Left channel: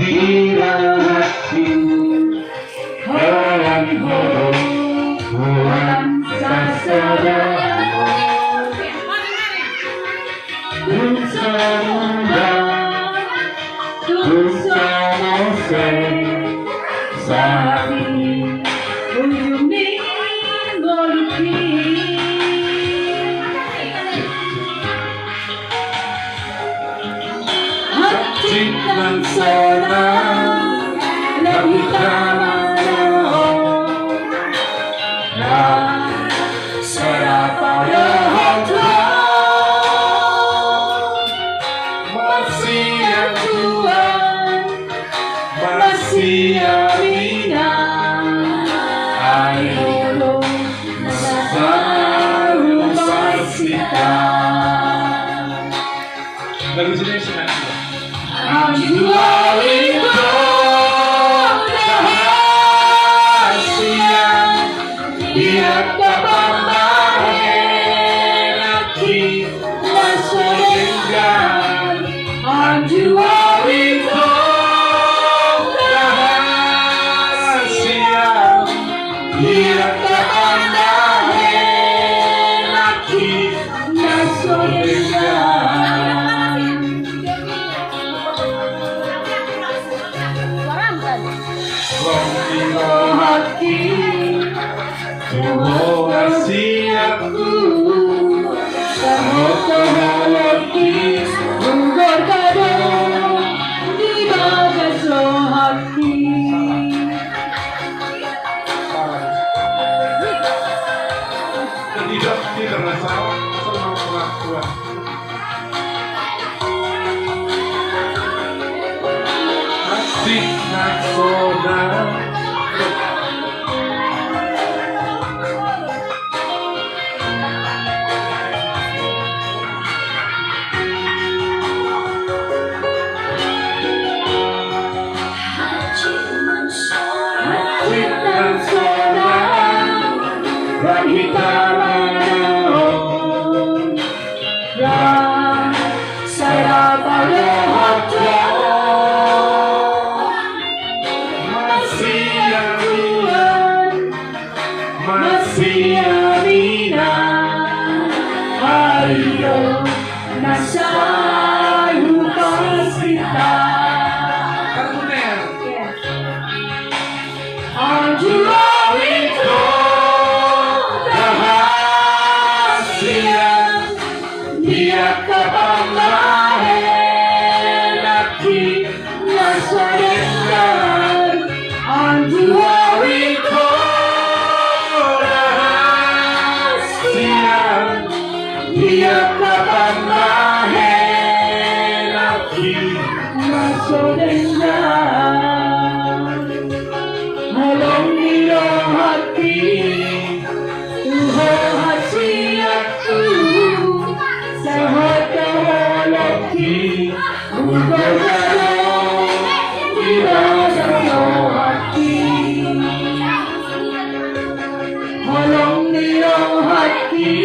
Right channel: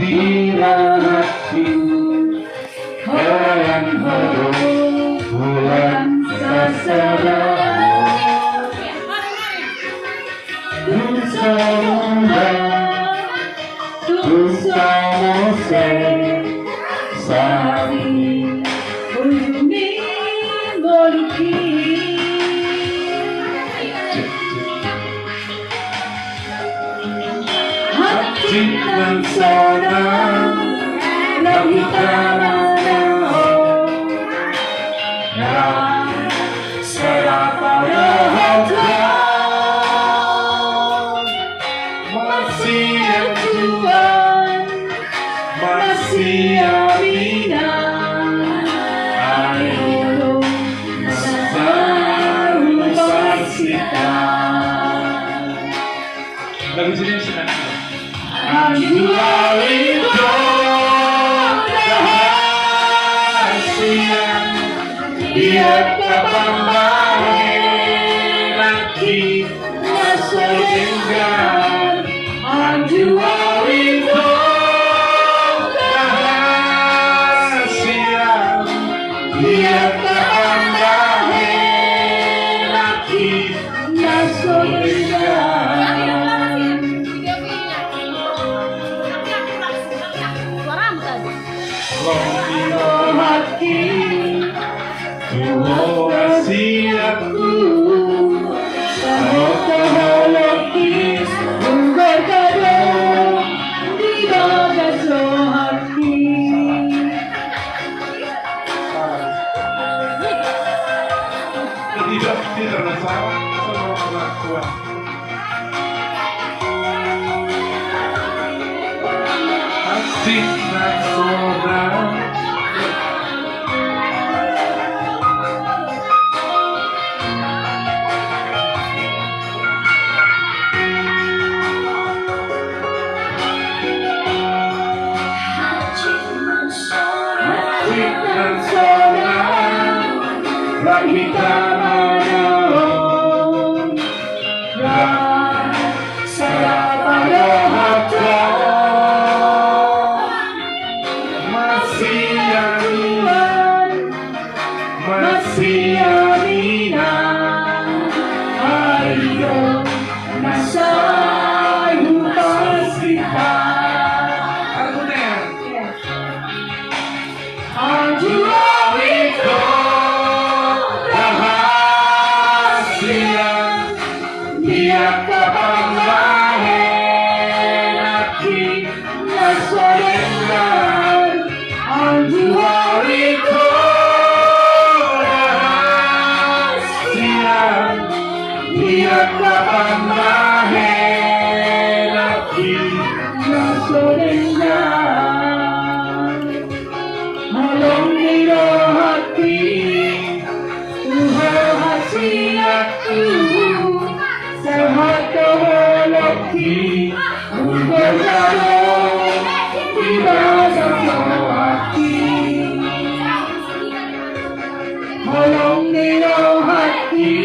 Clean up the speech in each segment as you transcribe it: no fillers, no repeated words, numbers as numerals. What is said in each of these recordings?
dirahasi hayang horo bulan sasara Tunsa munda Tunsa mose Sari Uyumi Moriki Hati langsana Nagitana Ya Serapa Rahata Masih Tuhan Masih Amina Ayo Masaru Masita Lagu sini sinan Anjua itu Rahasia Dia kapambahe Nanti Masa enggan Anjua itu Rahasia Dia kapambahe Nanti Masa enggan Rompiro hati Tuho wasiatku Tahu hati Unggul kado Di bagas hati Tidak masalah Sama orang tua Asik nasoda Asik nasoda Rahita saya pada hati masih Tuhan masih Amina ayo nasai upasita Anjua itu rahasia dia kapambahe Nanti masa enggan Anjua itu rahasia Dia kapambahe Nanti masa enggan Molong niro hati Tuho hasiatku Sehat hati Berkado Di dalam hati Molong niro hati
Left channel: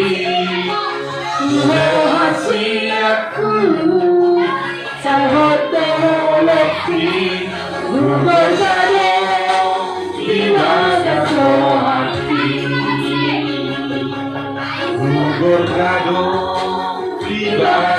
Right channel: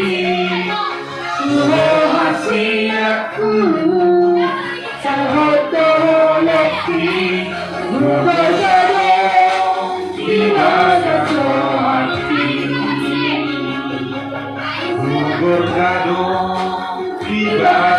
Tuho hasiatku Sehat hati Berkado Di dalam hati Berkado Di dalam